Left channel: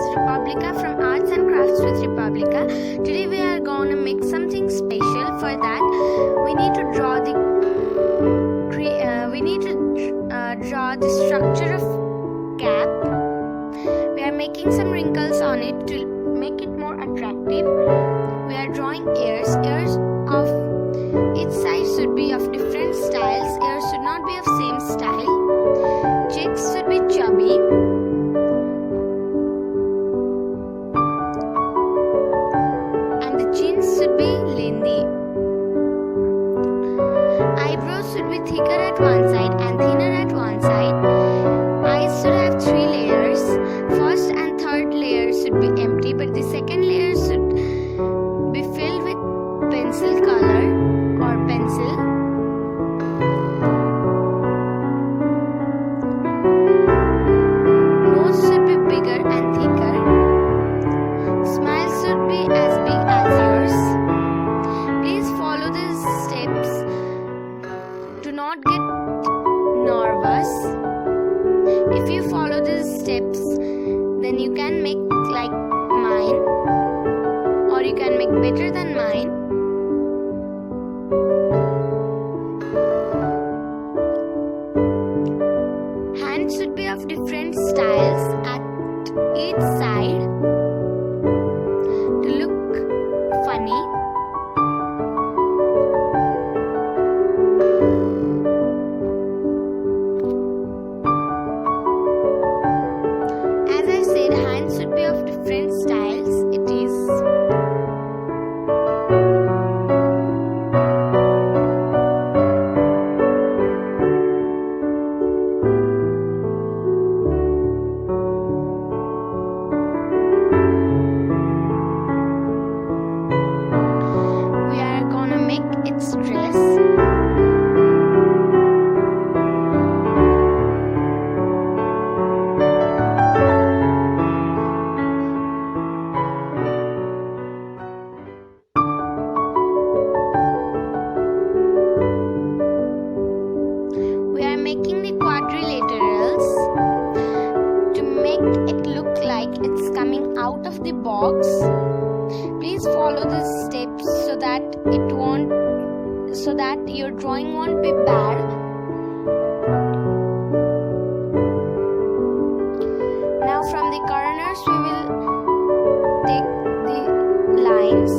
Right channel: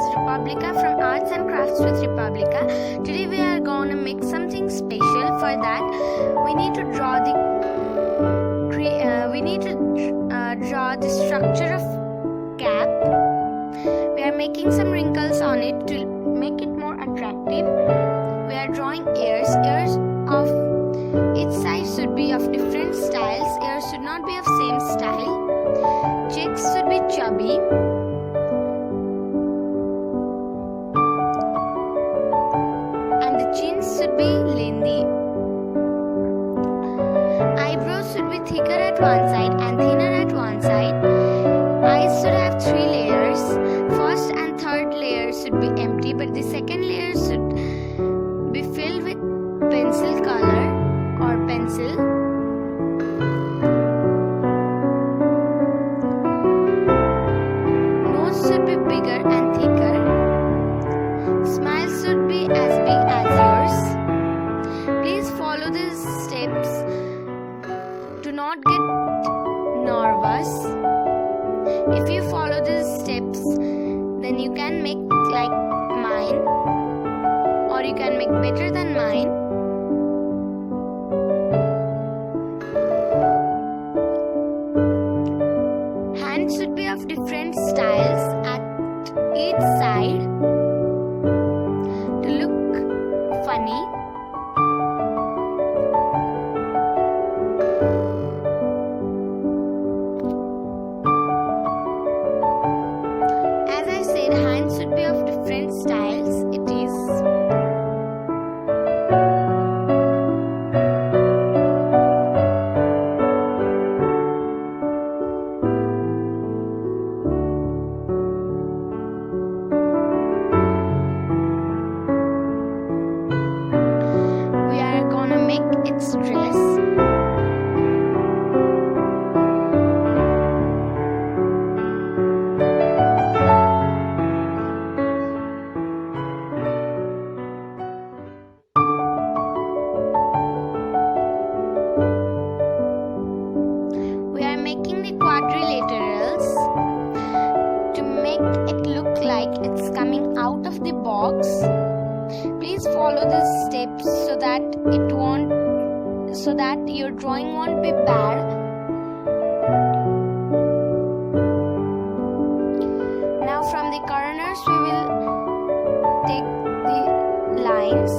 is Republica from Arts and Crafts with Republica. Today we are going to make something special. For that, we need to draw the structure of cap. We are making some wrinkles on it to make it more attractive. We are drawing ears. Ears of each side should be of different styles. Ears should not be of same style. Cheeks should be chubby. And the chin should be lengthy. Eyebrows should be thicker at one side and thinner at one side. Eyes should have 3 layers. First and third layer should be empty, but the second layer should be filled with pencil color or pencil. Nose should be bigger and thicker. Smile should be as big as yours. Please follow these steps. Do not get nervous. If you follow these steps, then you can make like mine, or you can make better than mine. Hands should be of different styles at each side to look funny. As I said, hands should be of different styles. It is we are gonna make its dress. We are making the quadrilaterals to make it look like it's coming out of the box. Please follow these steps so that your drawing won't be bad. Now from the corners we will take the lines.